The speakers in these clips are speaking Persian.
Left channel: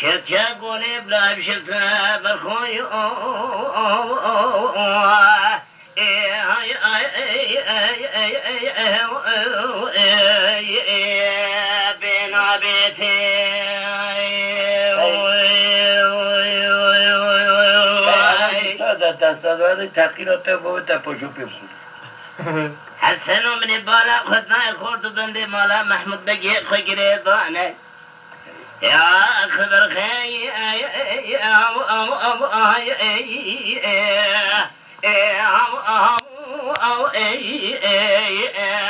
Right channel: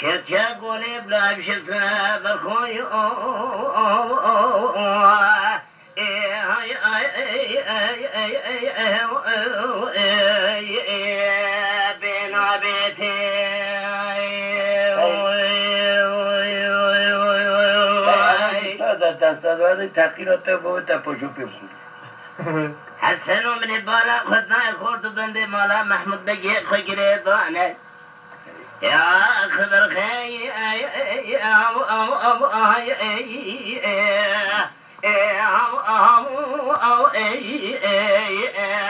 شتقولي بلا بشتنا بخوي بين بيتي هذا تحقیرات بود پشو پیپسود حسنو من بالا خدنا خورد بندي مالا محمود بقي خجري ضانه يا خبر خي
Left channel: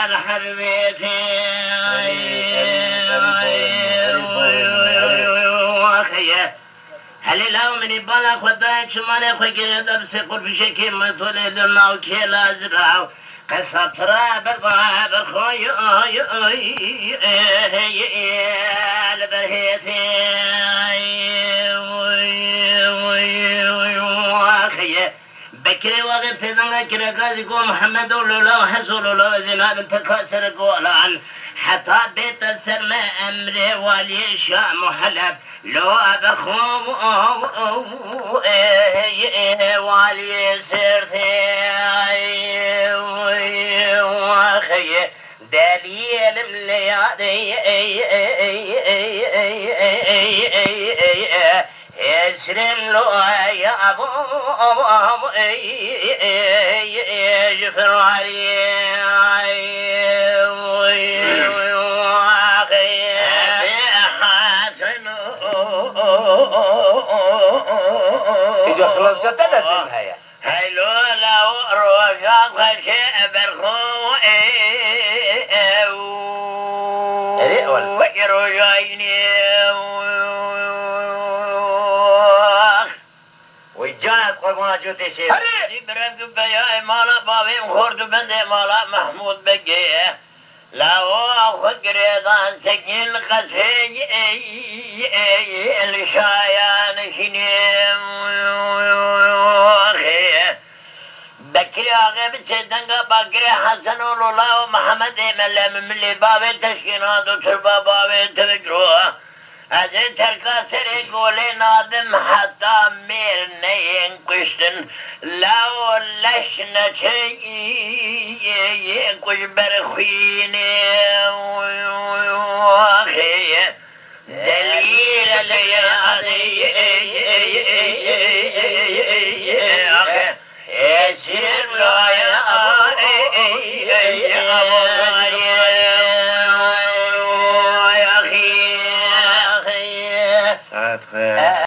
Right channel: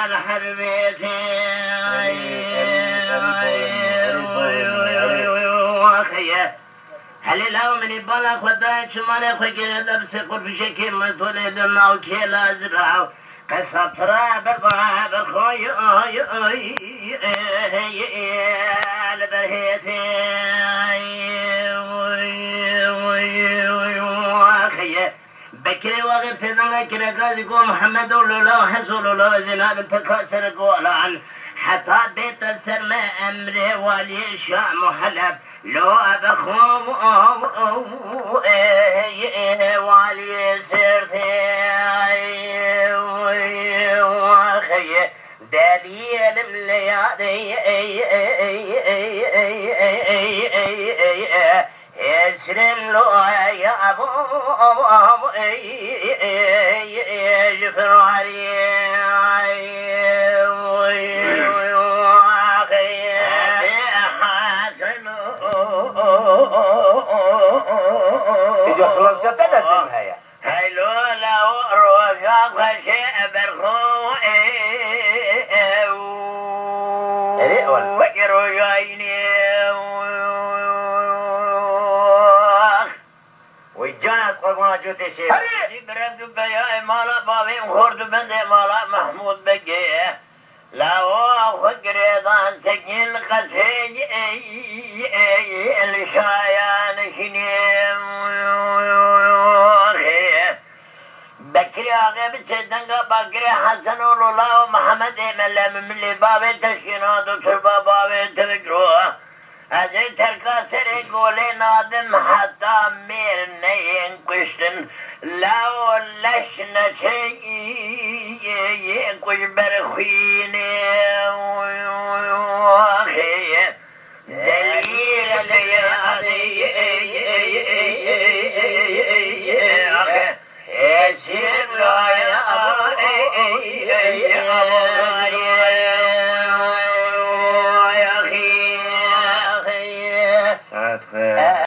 الحربيتي هل لو من بالا خدا شمال خجري لبس قرب شكل مطولي دمنا وكيلا زرعو قصبترا بضع بخوي البرهيتي بكري وقت ذنك رقاز يقول محمد الله حسول الله زناد تكسر قولان حتى بيت السرمة أمري والي شاء محلب لو أبخوم والي سرتي دليل مليادي يسرم له يا أبو يجفر عليه هلو لو رفاق شيء برخو والفكر جايني وجاءت قرما جوتي شيء برد بيا مالا بابي خورد بندي مالا محمود بقي لو فكر ضان سكين قسيج الشايان شنيم بكري آغا بسيدنگا بكري حسن الله ومحمد ملم ملي بابي تشكينات وتربا بابي تفكروها ازي تركا سري قولي نادم حتى مير نين قشتن لو لشنا شيء قش برخيني دليل ليالي